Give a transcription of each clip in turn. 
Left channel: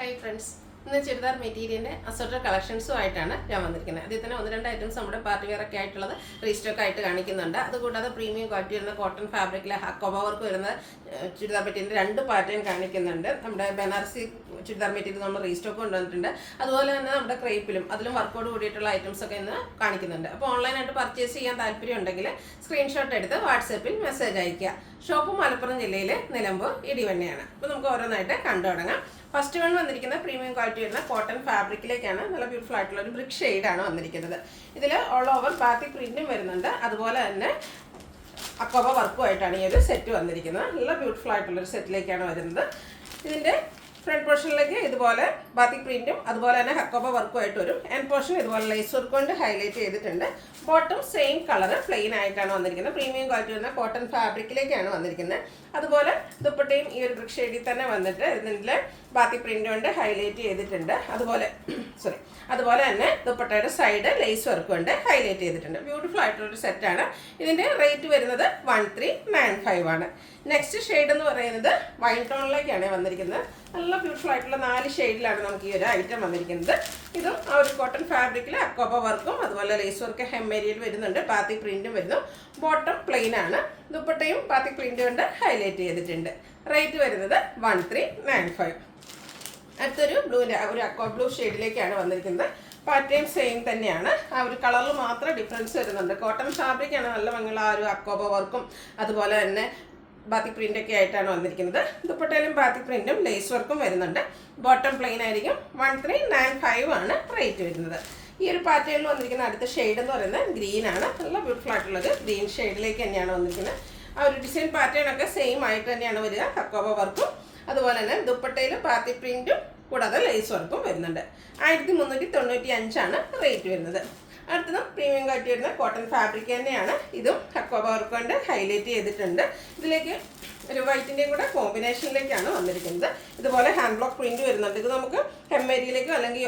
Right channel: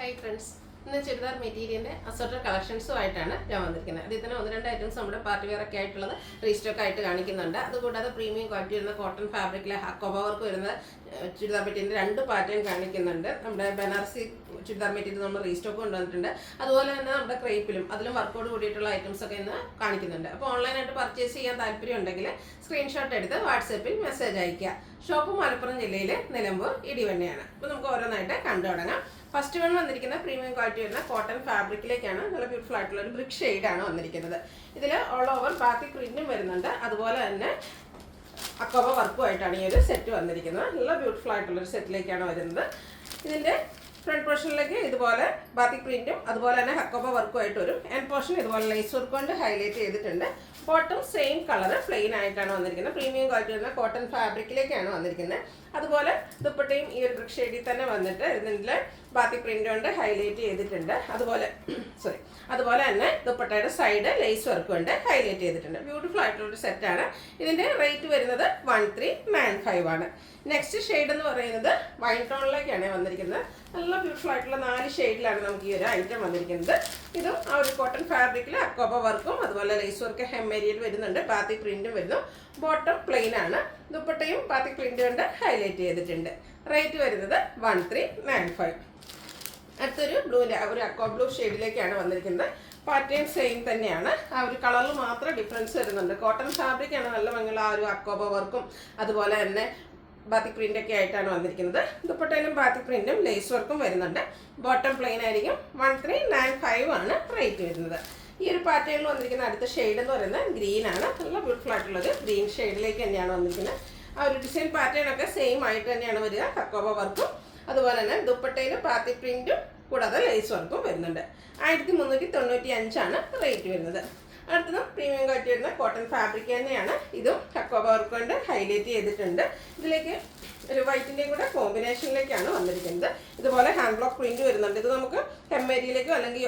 Hi friends. ഇന്ന് ചുരിദാർ മെറ്റീരിയലിൻ്റെ assorted കളക്ഷൻസുമായിട്ടാണ് ഞാൻ വന്നിരിക്കുന്നത്. അതിൽ തന്നെ ഒന്ന് രണ്ട് ഐറ്റംസ് നമ്മുടെ പാർട്ടി വെയർ ഒക്കെ ആയിട്ടുള്ളത് റീസ്റ്റോക്ക് ആയിട്ട് കാണിക്കുന്നുണ്ട്. അതുകൂടാതെ പ്രീമിയം ക്വാളിറ്റി വരുന്ന കോട്ടൺ ഫാബ്രിക്കിലെ ഹക്കോബ വർക്ക് വരുന്ന ചുരിദാർ മെറ്റീരിയലിൻ്റെ രണ്ട് പാറ്റേൺ കാണിക്കുന്നുണ്ട്. നമ്മുടെ ബനാറസി ചുരിദാർ മെറ്റീരിയൽ നമ്മൾ റീസ്റ്റോക്ക് കൊണ്ടുവന്നിട്ടുണ്ട്. അതുപോലെ തന്നെ നമ്മുടെ ക്രേപ്പിലും അതിലും വർക്കോട് കൂടിയിട്ടുള്ള ഐറ്റംസ് ഒക്കെ ഇന്ന് കാണിക്കുന്നുണ്ട്. അപ്പോൾ ഓൺലൈനായിട്ട് പർച്ചേസ് ചെയ്യാൻ താല്പര്യം ഉണ്ടെങ്കിൽ സ്ക്രീൻഷോട്ട് എടുത്ത് വാട്സാപ്പിൽ മെസ്സേജ് അയയ്ക്കുക. ഷോപ്പ് മലപ്പുറം ജില്ലയിലെ നിലമ്പൂർ ഇടിവണ്ണയാണ്. അപ്പോൾ നമുക്ക് ഓരോന്നായിട്ട് കണ്ടു തുടങ്ങാം. ഫസ്റ്റ് വൺ വന്നിരിക്കുന്ന പ്രീമിയം ക്വാളിറ്റി വരുന്ന കോട്ടൺ ഫാബ്രിക്കിലേക്കാണ്. നല്ല ബ്യൂട്ടിഫുൾ ആയിട്ടുള്ള ഒരു ബ്രിക്ക് ഷെയ്ഡാണ് വന്നിരിക്കുന്നത്. ഇതിൽ ഓൾ ഓവർ ബാത്തി പ്രിന്റും വരുന്നുണ്ട്. അതുപോലെ തന്നെ അക്കോബ വർക്കുമായിട്ടാണ് ഈ ഒരു സെറ്റ് വന്നിരിക്കുന്നത്. നല്ല ബ്യൂട്ടിഫുൾ ആയിട്ടുള്ളൊരു സെറ്റിലേക്കാണ് വരുന്നത്. ഇതിൻ്റെ ഫ്രണ്ട് പോർഷനിലേക്ക് ഇതുപോലെ ബാത്തിക് പ്രിന്റും അതുപോലെ തന്നെ ഹക്കോബ വർക്കുമായിട്ട് വരും. എൻഡ് പോർഷൻ ഇതുപോലെ ലേസ് വർക്ക് കൊണ്ട് ഹൈലൈറ്റ് ചെയ്തിട്ടുണ്ട്. ബോട്ടം സെയിം കളർ പ്ലെയിൻ ആയിട്ടാണ് വന്നിരിക്കുന്നത്. പ്രീമിയം ക്വാളിറ്റി വരുന്ന കോട്ടൺ ഫാബ്രിക്കിലേക്കാണ് വന്നിരിക്കുന്നത്. അതുപോലെ ദുപ്പട്ടയും ഈ ഒരു ബ്രിക്ക് ഷെയ്ഡിൽ തന്നെ വന്നിട്ട് ഇതിൻ്റെ ബാത്തിക് പ്രിന്റ് കൊണ്ട് ഹൈലൈറ്റ് ചെയ്തിട്ടുണ്ട്. അതുപോലെ തന്നെ ദുപ്പട്ടയുടെ സൈഡ് ലേസ് വർക്ക് കൊണ്ട് ഹൈലൈറ്റ് ചെയ്തിട്ടുണ്ട്. ബ്യൂട്ടിഫുൾ ആയിട്ടുള്ളൊരു സെറ്റാണ്. ഇതിൻ്റെ റേറ്റ് വരുന്നത് 1395 ആണ്. നെക്സ്റ്റ് ഷെയ്ഡ് എന്ന് പറയുന്നത് വൈൻ ടോണിലേക്കാണ് വന്നിരിക്കുന്നത്. നല്ല ബ്യൂട്ടിഫുൾ ആയിട്ടുള്ള 4 ഷെയ്ഡിലാണ് നമുക്ക് ഈ ഒരു ഐറ്റം വന്നിരിക്കുന്നത്. ഇതും ആ ഒരു കോട്ടൺ ഫാബ്രിക്കിൽ അക്കോബ വർക്കും അതുപോലെ ലേസ് വർക്ക് ഹെമ്മേരിയൽ വരുന്നുണ്ട്. ബാത്തിക് പ്രിന്റും വരുന്നു. ബോട്ടം പ്ലെയിൻ ആണ്. ദുപ്പട്ടയും ബാത്തിക് പ്രിന്റ് കൊണ്ട് ഹൈലൈറ്റ് ചെയ്തിട്ടുണ്ട്. റേറ്റ് വരുന്നത് 1395. അടുത്തൊരു ഒരു അക്വാ ബ്ലൂ ഷെയ്ഡിലേക്കാണ് വന്നിരിക്കുന്നത്. പാറ്റേൺ സെയിം തന്നെയാണ്. ആ ഒരു കളറിൽ മാത്രം ഡിഫറൻസ് വരുന്നുണ്ട്. കോട്ടൺ ഫാബ്രിക്കാണ് നല്ല ഭംഗിയുള്ള ആ ഒരു അക്കോബ വർക്കും അതുപോലെ തന്നെ ബാത്തിക് പ്രിൻ്റൊക്കെ ആയിട്ടാണ് വന്നിരിക്കുന്നത്. ദുപ്പട്ടയിലും ബാത്തിക് പ്രിൻറ്റും ലേസ് വർക്കും വരുന്നുണ്ട്. ബോട്ടം പ്ലെയിൻ ആയിരിക്കും. 1395 ആണ് റേറ്റ് വരുന്നത്. ഈ ഒരു പാറ്റേണിൽ വന്നിരിക്കുന്ന അടുത്ത ഷെയ്ഡ് എന്ന് പറയുന്നത് ഗ്രീൻ ആണ്. നല്ല ബ്യൂട്ടിഫുൾ ആയിട്ടുള്ളത് ഗ്രീൻ ഷെയ്ഡിലേക്ക് തന്നെയാണ് വന്നിരിക്കുന്നത്. ആ ഒരു ഡിസൈൻ പാറ്റേൺ ഒക്കെ സെയിം ആയിട്ട് തന്നെയാണ് വരിക. ഹക്കോബ വർക്കും അതുപോലെ തന്നെ ദുപ്പട്ടയിൽ ബാത്തിക് പ്രിൻറ്റും കൂടാതെ ലേസ് വർക്കും വരുന്നുണ്ട്. 1395 ആണ് റേറ്റ് വരുന്നത്. അടുത്തത് പ്രീമിയം ക്വാളിറ്റി വരുന്ന കോട്ടൺ ഫാബ്രിക് തന്നെയാണ്. ഇതും ഹക്കോബ വർക്ക് കൊണ്ട് ഹൈലൈറ്റ് ചെയ്തിട്ടുണ്ട്. ഇതിലേക്ക് ഒരു വൈറ്റിൻ്റെയും കൂടെ കോമ്പിനേഷനിലേക്കാണ് വന്നിരിക്കുന്നത്. ഇതുപോലെ ഹാൻഡ് ബ്ലോക്ക് പ്രിന്റ് വരുന്നുണ്ട്. ഇത് നമുക്ക് ഹെമ്മേരിയിലേക്കോ അല്ലെങ്കിൽ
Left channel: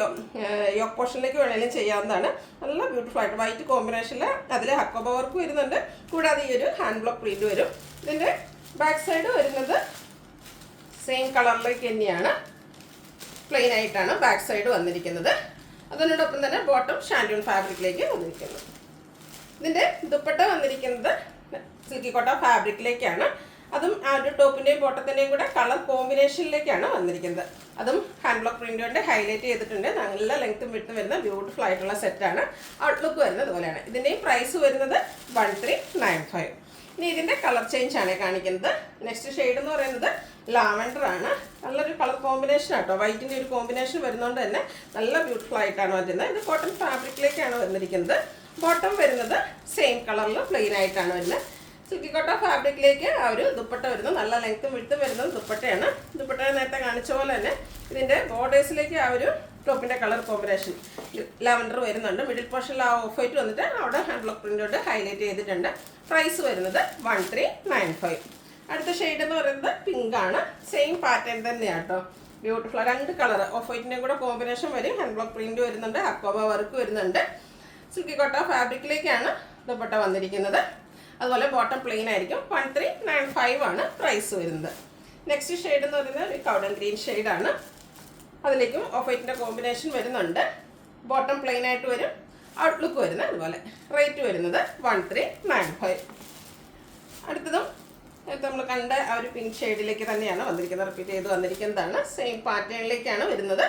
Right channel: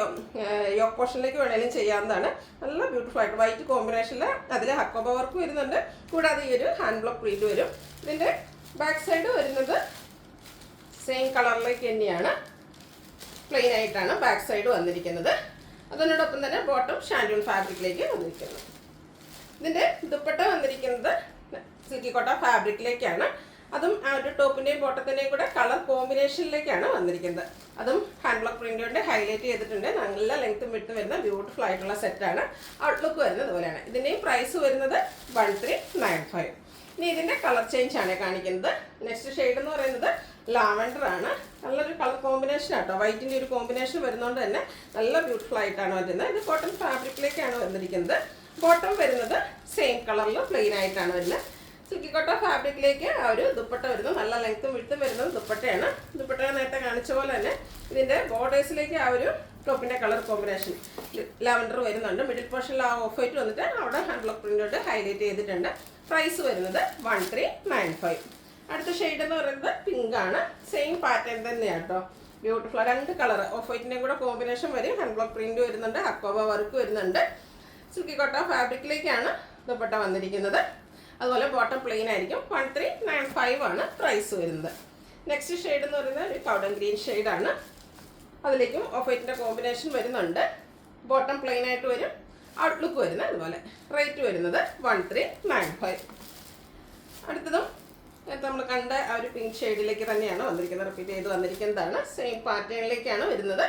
യോക്ക് പോർഷനിലേക്ക് വേണമെങ്കിലും ചെയ്യാവുന്നതാണ്. നല്ല ബ്യൂട്ടിഫുൾ ആയിട്ട് വൈറ്റ് കോമ്പിനേഷനിൽ അതിൽ ഹക്കോബ വർക്ക് വരുന്നുണ്ട്. കൂടാതെ ഈ ഒരു ഹാൻഡ് ബ്ലോക്ക് പ്രിന്റ് വരും. ഇതിൻ്റെ ബാക്ക് സൈഡ് വരുന്നത് സെയിം കളറിലേക്ക് തന്നെയാണ്. പ്ലെയിൻ ആയിട്ടാണ് ബാക്ക് സൈഡ് വന്നിരിക്കുന്നത്. അതിനോടൊപ്പം തന്നെ ബോട്ടം ഷാൻഡൂൺ ഫാബ്രിക്കിലേക്ക് വന്നിരിക്കുന്നത്. ഇതിൻ്റെ ദുപ്പട്ട വന്നിരിക്കുന്നത് സിൽക്കി കോട്ട ഫാബ്രിക്കിലേക്കാണ്. അതും ആ ഒരു ടോപ്പിൻ്റെയും ബോട്ടത്തിൻ്റെയും കൂടെ കളർ കോമ്പിനേഷനിലേക്കാണ് വന്നിരിക്കുന്നത്. അതും ഹാൻഡ് ബ്ലോക്ക് പ്രിൻ്റ് കൊണ്ട് ഹൈലൈറ്റ് ചെയ്തിട്ടുണ്ട്. നല്ല ലെങ്ത്തും വിട്ടും വരുന്ന ബ്യൂട്ടിഫുൾ ആയിട്ടുള്ള സെറ്റാണ്. ഔട്ട്ലുക്ക് വരുന്നത് ഇതുപോലെയാണ്. ഇതിൻ്റെയും പ്രൈസ് വരുന്നത് 1395. ഇനി ഇതിൻ്റെ കളർ ചേഞ്ച് ആണ് കാണിക്കുന്നത്. നെക്സ്റ്റ് ഷെയ്ഡ് എന്ന് പറയുന്നത് ലാവൻഡർ ആണ്. നല്ലൊരു കളർ കോമ്പിനേഷൻ ആട്ടോ. വൈറ്റിൻ്റെ ഒരു കോമ്പിനേഷൻ വരുന്നതുകൊണ്ട് തന്നെ നല്ല ബ്യൂട്ടിഫുൾ ആയിട്ടാണ് വരുന്നത്. ഇത് കോട്ടൺ ഫാബ്രിക്കിലേക്കാണ് വന്നിരിക്കുന്നത്. ബോട്ടം വരുന്നത് സെയിം കളറിൽ പ്ലെയിൻ ആയിട്ടാണ് വരുന്നത്. സിൽക്കി കോട്ട ഫാബ്രിക്കിലേക്ക് ആ ഒരു ദുപ്പട്ട വരുന്നത് നല്ല ലെങ്ത്തും വിട്ടും വരുന്നത് ദുപ്പട്ടയാണ്. ദുപ്പട്ട നേരത്തെ കാണിച്ച പോലെ തന്നെ ഇതിൻ്റെ ബോർഡേഴ്സിലേക്ക് ആ ഒരു ടോപ്പിൻ്റെ കളർ കോമ്പിനേഷൻ ലാവൻഡർ വരുന്നുണ്ട്. മിഡിൽ പോർഷനിൽ ആ ഓഫ് വൈറ്റ് വന്നിട്ട് അവിടെ ഹാൻഡ് ബ്ലോക്ക് പ്രിൻ്റോട് ഹൈലൈറ്റ് ചെയ്തിട്ടുണ്ട്. പ്രൈസ് വരുന്നത് 1395. അടുത്ത ഷെയ്ഡ് എന്ന് പറയുന്നത് പിങ്ക് ആണ്. സെയിം പാറ്റേൺ തന്നെയാണ് കേട്ടോ. ബ്യൂട്ടിഫുൾ 2 കളർ ഓഫ് വൈറ്റിൻ്റെയും കൂടെ കോമ്പിനേഷൻ വരും. ഹാൻഡ് ബ്ലോക്ക് പ്രിന്റ് വരുന്നുണ്ട്. ഹക്കോബ വർക്ക് വരുന്നുണ്ട്. സിൽക്കി കോട്ട ഫാബ്രിക്കിലേക്കാണ് ദുപ്പട്ട വന്നിരിക്കുന്നത്. അതുപോലെ ബോട്ടം പ്ലെയിൻ ആയിരിക്കും. 1395 ആണ് പ്രൈസ് വരുന്നത്. നെക്സ്റ്റ് ഷെയ്ഡ് എന്ന് പറയുന്നത് ഒരു കൗഡൻ ഗ്രീൻ ഷെയ്ഡാണ്. അതിലേക്കും ഓഫ് വൈറ്റിൻ്റെ കോമ്പിനേഷൻ വരുന്നുണ്ട്. ബോട്ടം പ്ലെയിൻ ആയിട്ട് വരും. ഔട്ട്ലുക്ക് വരുന്നത് അതുപോലെ. റേറ്റ് വരുന്നത് 1395. അടുത്തതും നമ്മൾ കണ്ട ആ ഒരു പിങ്ക് ഷെയ്ഡിലേക്ക് തന്നെയാണ് വന്നിരിക്കുന്നത്. റിപ്പീറ്റ് ചെയ്ത് വന്നിരിക്കുന്നതാണ്. സെയിം പാറ്റേണിലേക്കാണ് വരുന്നത്.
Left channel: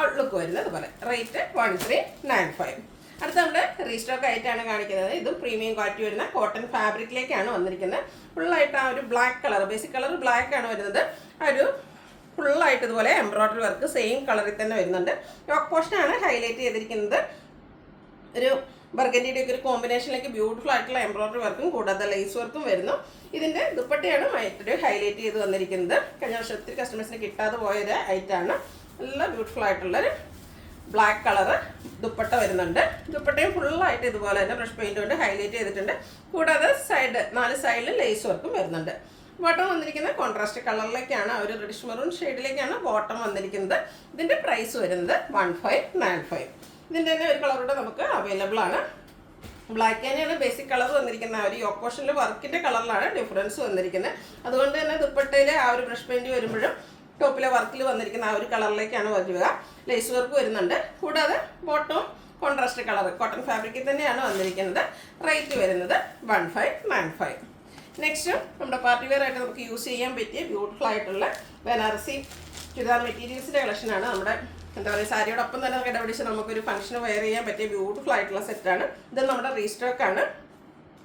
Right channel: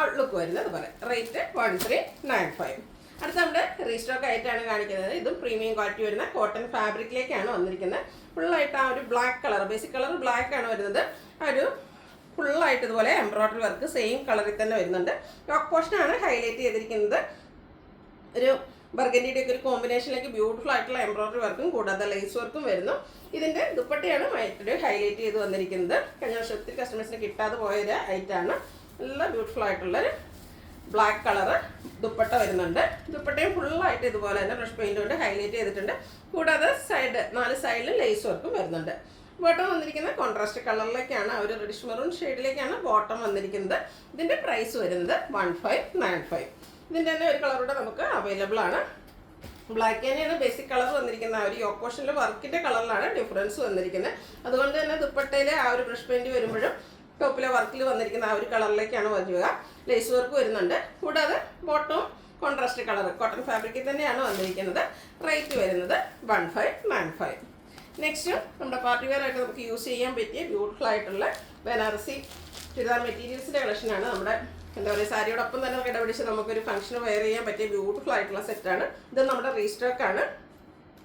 ഔട്ട്ലുക്ക് വരുന്നത് അതുപോലെ. റേറ്റ് 1395. അടുത്ത നമ്മുടെ റീസ്റ്റോക്ക് ആയിട്ടാണ് കാണിക്കുന്നത്. ഇതും പ്രീമിയം ക്വാളിറ്റി വരുന്ന കോട്ടൺ ഫാബ്രിക്കിലേക്കാണ് വന്നിരിക്കുന്നത്. ഫുള്ളായിട്ട് ആ ഒരു black colour basic colour black ആണ് വരുന്നത്. ആ ഒരു ഫുള്ളായിട്ട് ഇതുപോലെ എംബ്രോയ്ഡറി വർക്ക് സെയിം കളറിൽ തന്നെ വരുന്നുണ്ട്. യോക്ക് പോർഷനാണ് ഹൈലൈറ്റ് ചെയ്തിരിക്കുന്നത്. ഒരു ബർഗൻഡിയുടെ ഒക്കെ ഒരു കോമ്പിനേഷനിലേക്ക് ബ്യൂട്ടിഫുൾ ആയിട്ടുള്ള എംബ്രോയ്ഡറി വർക്കും കൂടാതെ ലേസ് വർക്കും വരുന്നു. ഇതിൻ്റെ ദുപ്പട്ടയാണ് മറ്റൊരു ഹൈലൈറ്റ് ചെയ്ത് വന്നിരിക്കുന്നത്. കഴിഞ്ഞ വർഷം ഒത്തിരി കസ്റ്റമേഴ്സിന് കിട്ടാതെ പോയൊരു ഐറ്റമാണ്. നല്ല ബ്യൂട്ടിഫുൾ ആയിട്ടുള്ളൊരു ബ്ലാക്ക് കളറ് ദുപ്പട്ട വരുന്നുണ്ട്. ദുപ്പട്ടയും ഫുള്ളായിട്ട് ഇതുപോലെ തന്നെ ബ്രഷ് പെയിൻറ് കൊണ്ട് ഹൈലൈറ്റ് ചെയ്തിട്ടുണ്ട്. കൂടാതെ 4 സൈഡിൽ ലേസ് വർക്കും വരുന്നുണ്ട്. ബോട്ടം വന്നിരിക്കുന്ന കോൺട്രാസ്റ്റ് കളറിലേക്കാണ്. ആ ഒരു റെഡിഷ് മെറൂൺ ഷെയ്ഡിലേക്കാണ് ബോട്ടം വന്നിരിക്കുന്നത്. ഇതിൻ്റെ പ്രൈസ് വരുന്നത് 1595. ഇതിൻ്റെ തന്നെ ഒരു കളറൂടെ നമുക്ക് അവൈലബിൾ ആണ്. ബ്ലാക്ക് തന്നെയാണ് ബേസിക് കളർ വന്നിരിക്കുന്നത്. ആ ഒരു യോക്ക് പോർഷനിൽ വർക്കിൻ്റെ കളറിലാണ് ഡിഫറൻസ് വന്നിരിക്കുന്നത്. അതുകൊണ്ട് തന്നെ ദുപ്പട്ടയിൽ ആ ഒരു ബ്രഷ് പെയിൻറ് വരുമ്പോഴും ടോപ്പിലെ വർക്കിൽ വന്നിരിക്കുന്ന ആ ഒരു കളറിലേക്കാണ് വരിക. ലേസ് വർക്ക് വരുന്നുണ്ട്. കൂടാതെ ബോട്ടവും കോൺട്രാസ്റ്റ് കളർ കോട്ടൺ ഫാബ്രിക്കിൽ തന്നെയാണ് വന്നിരിക്കുന്നത്. റേറ്റ് വരുന്നത് 1595. നെക്സ്റ്റ് നമ്മുടെ പാർട്ടി വെയർ ആയിട്ട് നമുക്ക് യൂസ് ചെയ്യാൻ പറ്റിയ ബ്യൂട്ടിഫുൾ ആയിട്ടുള്ള ബനാറസി ചുരിദാർ മെറ്റീരിയൽസിൻ്റെ കളക്ഷനാണ്. നമ്മുടെ എന്താ പറയുക, സാരിയോടൊപ്പം തന്നെ കിടപിടിച്ച് നമുക്കൊരു ഫംഗ്ഷന് വെയർ ചെയ്യാൻ പറ്റിയ ബ്യൂട്ടിഫുൾ ആയിട്ടുള്ള സെറ്റാണ്. ഇത് നമ്മുടെ റീസ്റ്റോക്കാണ്.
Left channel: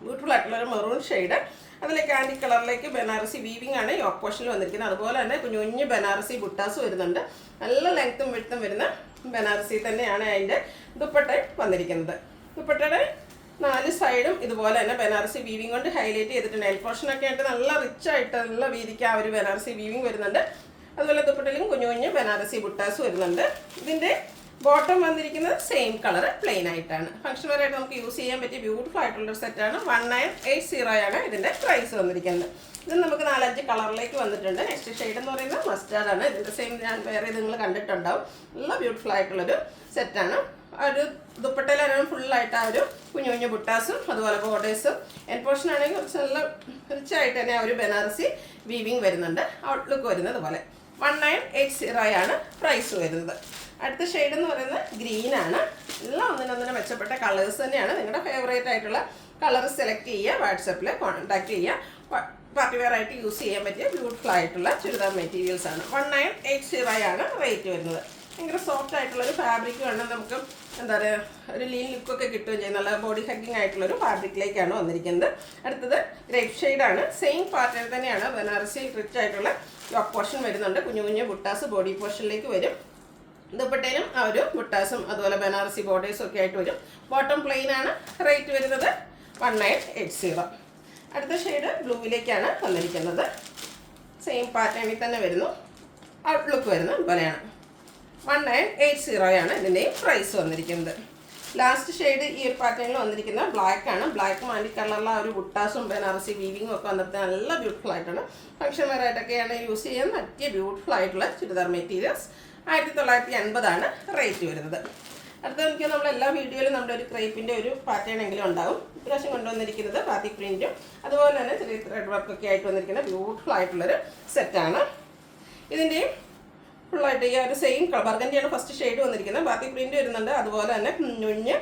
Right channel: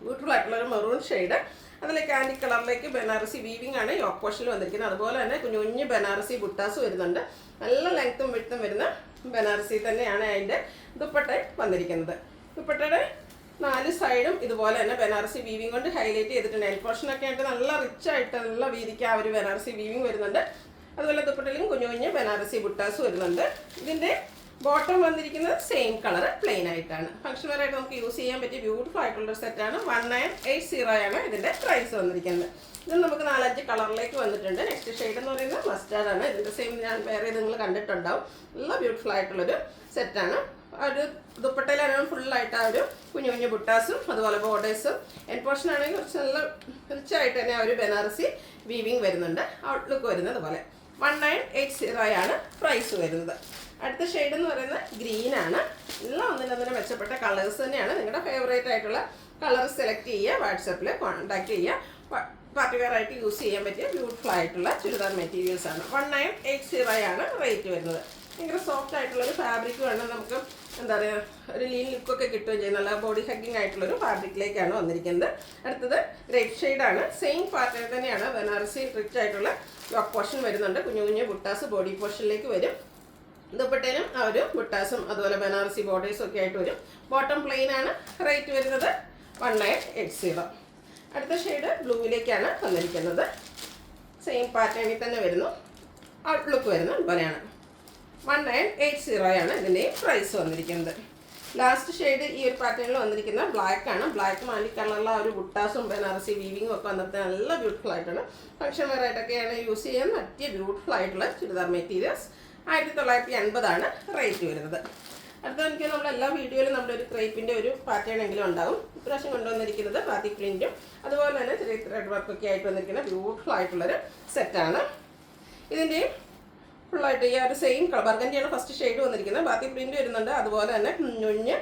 ബ്യൂട്ടിഫുൾ ആയിട്ടുള്ള ഒരു മെറൂൺ ഷെയ്ഡ്, അതിലേക്ക് ആൻറ്റി കളറിലേക്ക് ബനാറസി വീവിംഗ് ആണ് യോക്ക് പോർഷനിൽ വന്നിരിക്കുന്നത്. അതുപോലെ തന്നെ കുഞ്ഞു കുഞ്ഞ് ബനാറസി ബുട്ടാസ് വരുന്നുണ്ട്. നല്ല ലെങ്ത്തും വിഡ്ത്തും വരുന്ന ബനാറസി തന്നെയാണ് അതിൻ്റെ ദുപ്പട്ട വന്നിരിക്കുന്നത്. ദുപ്പട്ടയുടെ 4 സൈഡും ഇതുപോലെ തന്നെ ബനാറസി വീവിംഗ് കൊണ്ട് ഹൈലൈറ്റ് ചെയ്തിട്ടുണ്ട്. നെയിൽ പോർഷനൊക്കെ ആയിട്ട് നല്ല റിച്ച് ആയിട്ട് നല്ല വീതിക്ക് ആ ഒരു ബനാറസി വീവിംഗ് വരുന്നുണ്ട്. അതുപോലെ ദുപ്പട്ടയിലും കുഞ്ഞു കുഞ്ഞ് ബനാറസി ബുട്ടാസ് വരുന്നുണ്ട്. ഇതിൻ്റെ ബോട്ടം വന്നിരിക്കുന്നത് സെയിം കളർ പ്ലെയിൻ ആയിട്ടാണ്. ഫംഗ്ഷൻ വെയർ ആയിട്ട് നമുക്ക് യൂസ് ചെയ്യാൻ പറ്റിയ ബ്യൂട്ടിഫുൾ ആയിട്ടുള്ളൊരു സെറ്റാണ്. 1980 ആണ് ഇതിൻ്റെ പ്രൈസ് വന്നിരിക്കുന്നത്. ഇത് നമുക്ക് 4-5 കളറിലേക്ക് വന്നിട്ടുണ്ട്. നെക്സ്റ്റ് ഷെയ്ഡ് എന്ന് പറയുന്നത് മസ്റ്റാർഡ് ആണ്. ഇതിൻ്റെ സെയിം ഞാൻ വേറെ നിങ്ങൾ കണ്ടിട്ടുണ്ടാവും. നല്ല ബ്യൂട്ടിഫുൾ ആയിട്ടുള്ളൊരു സെറ്റാണ്. ഒരു ദുപ്പട്ടയിലാണ് ഫുള്ളായിട്ട് ആ ഒരു കുഞ്ഞു കുഞ്ഞു ബുട്ടാസും അതുപോലെ ബോർഡേഴ്സും എൻ പോർഷൻ ആണെങ്കിൽ കുറച്ച് നല്ല റിച്ചായിട്ട് തന്നെ ആ ഒരു ബനാറസി വീവിങ് വരുന്നുണ്ട്. ഔട്ട്ലുക്ക് വരുന്നത് പോലെ 1980 ആണ് പ്രൈസ് വരുന്നത്. അടുത്ത ഷെയ്ഡ് എന്ന് പറയുന്നത് ഗ്രീനാണ്. എല്ലാം ഒന്നിനൊന്നിനും മെച്ചപ്പെട്ട കളേഴ്സ് തന്നെയാണ്. നിങ്ങളുടെ ഫേവറേറ്റ് ആയിട്ടുള്ള കളർ സെലക്ട് ചെയ്യുക, വാട്സപ്പിൽ കോൺടാക്ട് ചെയ്യുക. പാർട്ടി വെയർ ആയിട്ട് യൂസ് ചെയ്യാൻ പറ്റിയ ബ്യൂട്ടിഫുൾ ആയിട്ടുള്ള ചുരിദാർ മെറ്റീരിയൽസ് ആണ്. 1980 ആണ് റേറ്റ് വരുന്നത്. ഭയങ്കര സോഫ്റ്റ് ആയിട്ടുള്ളൊരു ഫാബ്രിക് വേണം. നമുക്ക് എന്താ പറയുക, ഒരു ലീൻ ലുക്കൊക്കെ കിട്ടുകയും ചെയ്യും. നല്ല ബോഡി ഹഗ്ഗിങ് ആയിട്ടുള്ളൊരു ഫാബ്രിക്കിലേക്കാണ് വന്നിരിക്കുന്നത്. അടുത്തത് ഗ്രേപ്പ് ഷെയ്ഡാണ്. സെയിം പാറ്റേൺ തന്നെയാണ്. ബനാറസി റിച്ച് ആയിട്ടുള്ള യോക്ക് പോർഷൻ വരുന്നുണ്ട്. കുഞ്ഞു കുഞ്ഞു ബുട്ടാസ് ബോഡി പോർഷനിലേക്ക് വരും. ദുപ്പട്ടയിലും ആ ഒരു ബുട്ടാസും അതുപോലെ ബനാറസി ബോർഡേഴ്സും ഒക്കെ ആയിട്ട് വരും. ബോട്ടം പ്ലെയിൻ ആണ്. റേറ്റ് വരുന്നത് 1980. അടുത്ത ഷെയ്ഡ് ബ്ലൂവിലേക്കാണ് വന്നിരിക്കുന്നത്. സെയിം പാറ്റേണിൽ തന്നെ വരുന്നു. ഔട്ട്ലുക്ക് വരുന്നത് പോലെയാണ്. 1980 ആണ് ഇതിൻ്റെയും പ്രൈസ് വന്നിരിക്കുന്നത്. ലാസ്റ്റ് ഷെയ്ഡ് ഈ ഒരു പാറ്റേണിൽ വന്നിരിക്കുന്ന ബ്ലാക്ക് ആണ്. ബ്ലാക്ക് മാൻഡി കളറിലുള്ള ആ ഒരു ബുട്ടാസും ബനാറസി വീവിങ്ങും ഒക്കെ വന്നിട്ട് നല്ല ബ്യൂട്ടിഫുൾ ആയിട്ടാണ്. ഫംഗ്ഷൻ വെയർ ആയിട്ടൊക്കെയാണ് യൂസ് ചെയ്യാൻ പറ്റിയ ബ്യൂട്ടിഫുൾ ആയിട്ടുള്ള ചുരിദാർ മെറ്റീരിയൽസ്. 1980 ആണ് റേറ്റ് വരുന്നത്. അടുത്ത എനിക്ക് നമ്മൾ എല്ലാ വീഡിയോയിലും നമ്മുടെ ഒരു ക്രേപ്പിൻ്റെ ഒരു പാറ്റേൺ എങ്കിലും ഉണ്ടാകും. ഇപ്രാവശ്യം കൊണ്ടുവന്നിരിക്കുന്നത് ബാത്തിക് പ്രിൻറ്റും അതുപോലെ തന്നെ ചെറിയ ത്രെഡ് വർക്കൊക്കെ ആയിട്ട് വന്നിരിക്കുന്ന ബ്യൂട്ടിഫുൾ ആയിട്ടുള്ളൊരു സെറ്റാണ്. ഇതിൻ്റെയും ഫുള്ളായിട്ട് ഈ ഒരു സെയിം കളർ ബർഗൻഡിയാണ് ഫസ്റ്റ് ഷെയ്ഡ് വന്നിരിക്കുന്നത്. ബാത്തിക് പ്രിൻറ്റ് വരുന്നുണ്ട്. അതുപോലെ തന്നെ കുഞ്ഞുഞ്ഞ്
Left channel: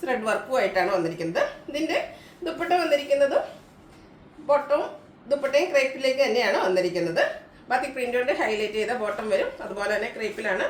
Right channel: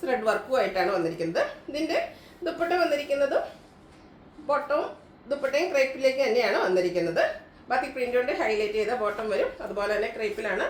ത്രെഡ് വർക്കുമായിട്ടാണ് വന്നിരിക്കുന്നത്. ഇതിൻ്റെ ദുപ്പട്ട വന്നിരിക്കുന്നതും ബോട്ടവും ദുപ്പട്ടയും ക്രേപ്പിലേക്ക് തന്നെയാണ് വന്നിരിക്കുന്നത്. ബാത്തിക് പ്രിൻ്റ് കൊണ്ട് ഹൈലൈറ്റ് ചെയ്ത ബോട്ടം വരും. അതുപോലെ തന്നെ ക്രേപ്പിലാണ്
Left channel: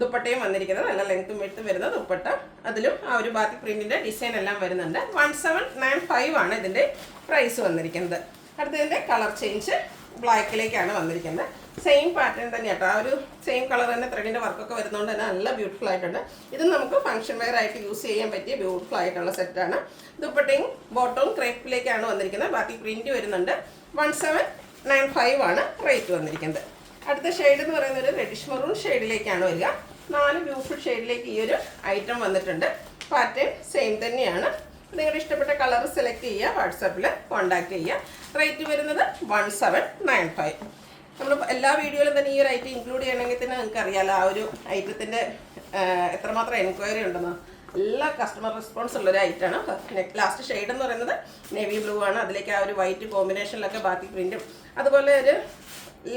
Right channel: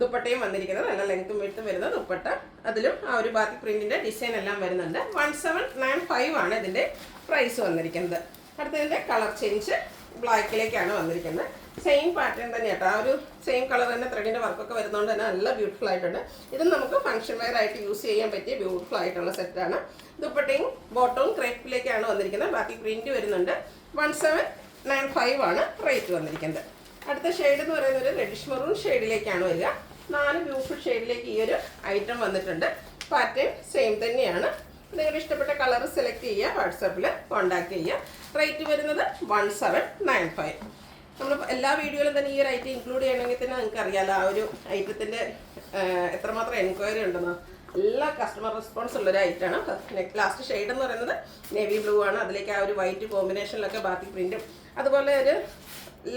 ദുപ്പട്ടയും വന്നിരിക്കുന്നത്. നല്ല ലെങ്ത്തും വിഡ്ത്തും വരുന്ന ദുപ്പട്ട, അതിലും ആ ഒരു ബാത്തിക് പ്രിൻറ്റിൻ്റെ ഡിസൈൻ എല്ലാം വരുന്നുണ്ട്. 1795 ആണ് ഇതിൻ്റെ പ്രൈസ് വന്നിരിക്കുന്നത്. അടുത്തതിൻ്റെ കളർ ചേഞ്ച് ബ്ലാക്കിലേക്കാണ് വന്നിരിക്കുന്നത്. സെയിം പാറ്റേൺ തന്നെ കേട്ടോ. ആ ഒരു സെയിം കളർ തന്നെ ത്രെഡിൻ്റെ വർക്കൊക്കെ വരുന്നതുകൊണ്ട് തന്നെ നല്ല ബ്യൂട്ടിഫുൾ ആയിട്ടുണ്ട്. ഇത് നമുക്ക് ഫംഗ്ഷൻ വെയർ ആയിട്ട് യൂസ് ചെയ്യാൻ പറ്റിയ ബ്യൂട്ടിഫുൾ ആയിട്ടുള്ള സെറ്റാണ്. ദുപ്പട്ടയും ബോട്ടവും ക്രേപ്പിലേക്കാണ് വന്നിരിക്കുന്നത്. ബാത്തിക് പ്രിൻറ്റ് വരുന്നുണ്ട്. 1795 ആണ് റേറ്റ് വന്നിരിക്കുന്നത്. അടുത്ത ഷെയ്ഡ് എന്ന് പറയുന്നത് ഒരു റെഡിഷ് മെറൂൺ ഷെയ്ഡിലേക്കാണ് വരിക. 4 ബ്യൂട്ടിഫുൾ ഷെയ്ഡിലേക്ക് ഈ ഒരു ഐറ്റം വന്നിട്ടുണ്ട്. പാറ്റേൺ സെയിം തന്നെയാണ്. നിങ്ങളുടെ ഇഷ്ടപ്പെട്ട കളർ സെലക്ട് ചെയ്യുക, വാട്സാപ്പിൽ കോൺടാക്ട് ചെയ്യുക. റേറ്റ് വരുന്നത് 1795. നമ്മൾ എല്ലാ വീഡിയോയിലും തന്നെ ഈ ഒരു ഐറ്റം ഇൻക്ലൂഡ് ചെയ്യണമെങ്കിൽ തന്നെ നിങ്ങൾക്ക് അറിയാമല്ലോ ആ ഒരു ഐറ്റത്തിൻ്റെ എത്രമാത്രം എൻക്വയറി ഉണ്ടെന്ന്. എല്ലാ കസ്റ്റമർ റെസ്പോൺസ് ഉള്ളൊരു ഐറ്റമാണ്. ലാസ്റ്റ് ഷെയ്ഡ് എന്ന് പറയുന്നത് നേവി ബ്ലൂ ആണ്. അതിലേക്ക് ആ ഒരു വൈറ്റ് കോമ്പിനേഷനിലൊക്കെ ബാത്തിക് പ്രിൻറ്റും അതുപോലെ ഒരു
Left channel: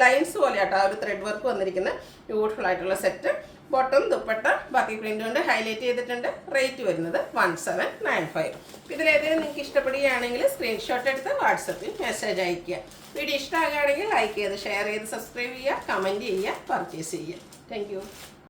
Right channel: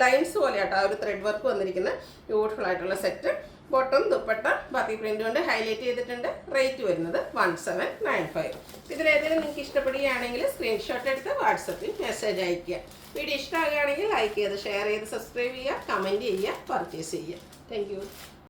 ലൈൻസ് പോലെ ആട്ടോ ആ ഒരു ത്രെഡ് വർക്ക് വന്നിരിക്കുന്ന ബ്യൂട്ടിഫുൾ ആയിട്ടുള്ള set. Bottom dupatta batik print കൊണ്ട് ഹൈലൈറ്റ് ചെയ്തിട്ടുണ്ട്. റേറ്റ് വരുന്നത് 1795. ഇതിലേതെങ്കിലും നിങ്ങൾക്ക് ഇഷ്ടപ്പെടുകയാണെങ്കിൽ സ്ക്രീൻഷോട്ട് എടുത്ത് വാട്സപ്പിൽ മെസ്സേജ് അയയ്ക്കുക. വീഡിയോ ഇഷ്ടമാകുകയാണെങ്കിൽ ലൈക്ക് ചെയ്ത് ഷെയർ ചെയ്ത് സബ്സ്ക്രൈബ് ചെയ്യുക, കമൻറ്റ് ചെയ്യുക, പർച്ചേസ് ചെയ്യുക. താങ്ക്